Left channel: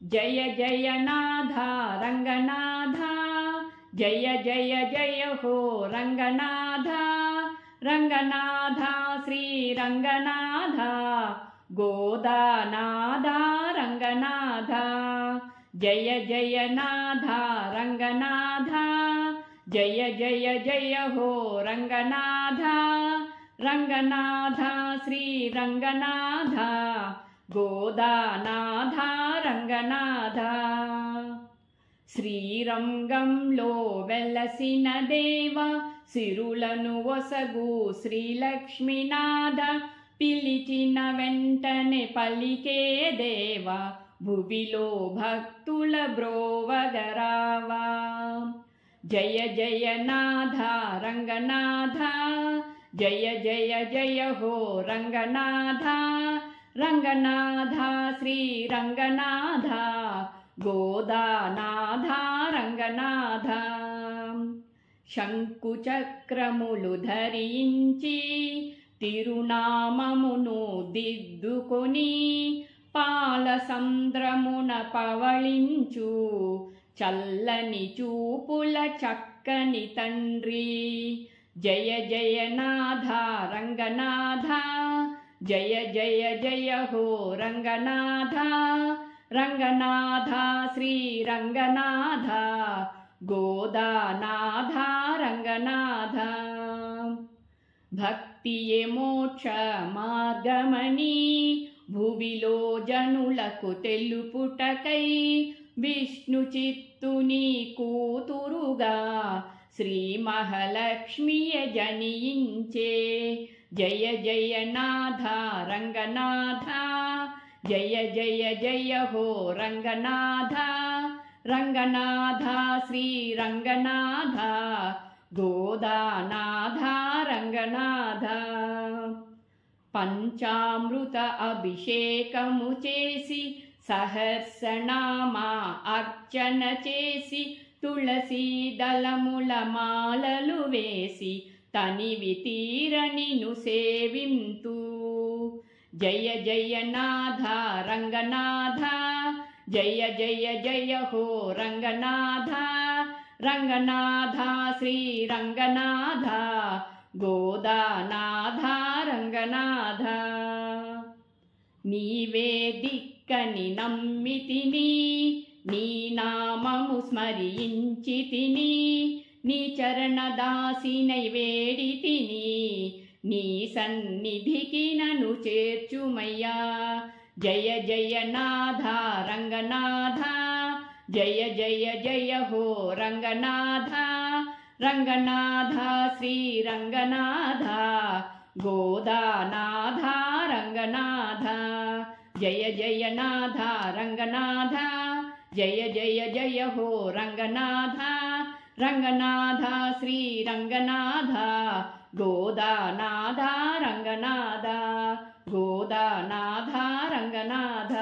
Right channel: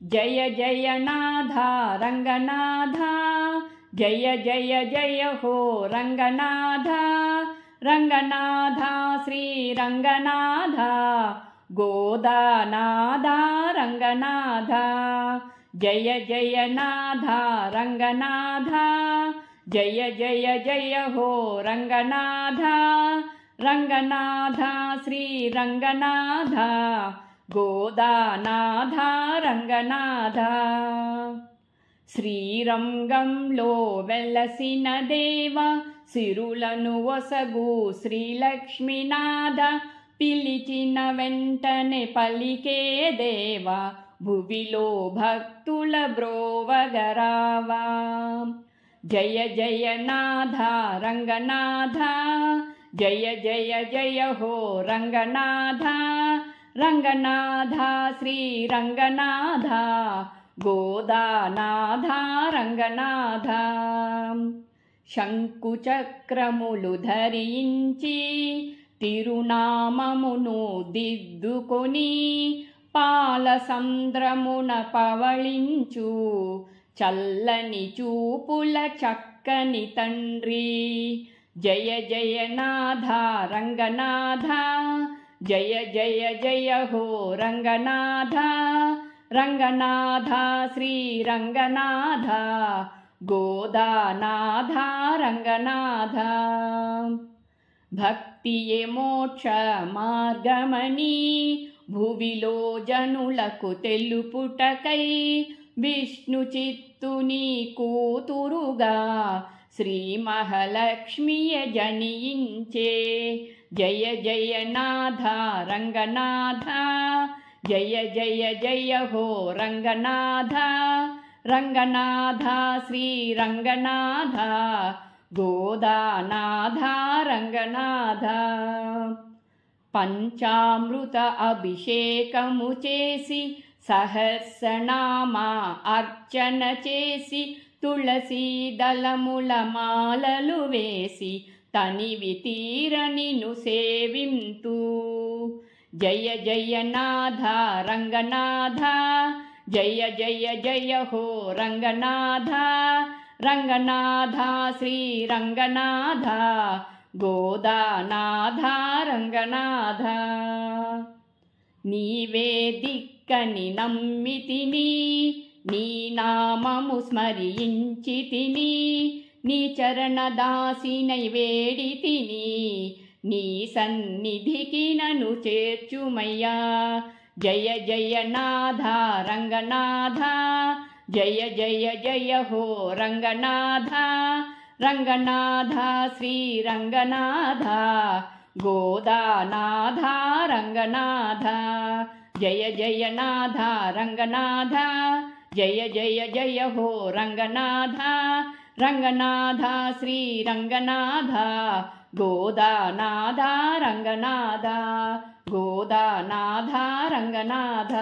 జయ జయ నాథ రంగనాథ జయ జయ జయ హో రంగనాథ రంగనాథ శ్రీ రంగనాథ గోదానాథ రంగనాథ జయ జయ నాథ రంగనాథ జయ జయ జయ హో రంగనాథ రంగనాథ శ్రీ రంగనాథ గోదానాథ రంగనాథ శ్రీరంగంలో వెలసిన దేవ సిరులను ఒసగు శ్రీలక్ష్మీనాథ పిలిచిన వెంటనే పలికే దేవ భువిలో భక్తుల బ్రోవగరావా జయ జయ నాథ రంగనాథ జయ జయ జయ హో రంగనాథ రంగనాథ శ్రీ రంగనాథ గోదానాథ రంగనాథ శంకుచక్రములు ధరించి తిరునామమును దిద్దుకొని పాలసంద్రమున పవళించు చల్లని చూపుల చక్కని తండ్రి జయ జయ నాథ రంగనాథ జయ జయ జయ హో రంగనాథ రంగనాథ శ్రీ రంగనాథ గోదానాథ రంగనాథ భక్తియే మోక్ష మార్గమని భువిలో జనులకు తెలుపుటకై విష్ణు చిత్తుని కూతురుగా శ్రీ మహాలక్ష్మియ జనించే జయ జయ నాథ రంగనాథ జయ జయ జయ హో రంగనాథ రంగనాథ శ్రీ రంగనాథ గోదానాథ రంగనాథ పంచామృత అభిషేకము చేసి సహస్రనామ అర్చన చేసి తులసీ దళముల మాలలు వేసి తనివి తీరనిను సేవింతు జయ జయ నాథ రంగనాథ జయ జయ జయ హో రంగనాథ రంగనాథ శ్రీ రంగనాథ గోదానాథ రంగనాథ నీవే దిక్కని నమ్మితిని నీ నామము స్మరించితిని నీ చరణదాసినై వేడితిని నీ సన్నిధికి నన్ను చేర్చుమయ్యా జయ జయ నాథ రంగనాథ జయ జయ జయ హో రంగనాథ రంగనాథ శ్రీ రంగనాథ గోదానాథ రంగనాథ జయ జయ నాథ రంగనాథ జయ జయ జయ హో రంగనాథ రంగనాథ శ్రీ రంగనాథ గోదానాథ రంగనాథ గోదానాథ రంగనాథ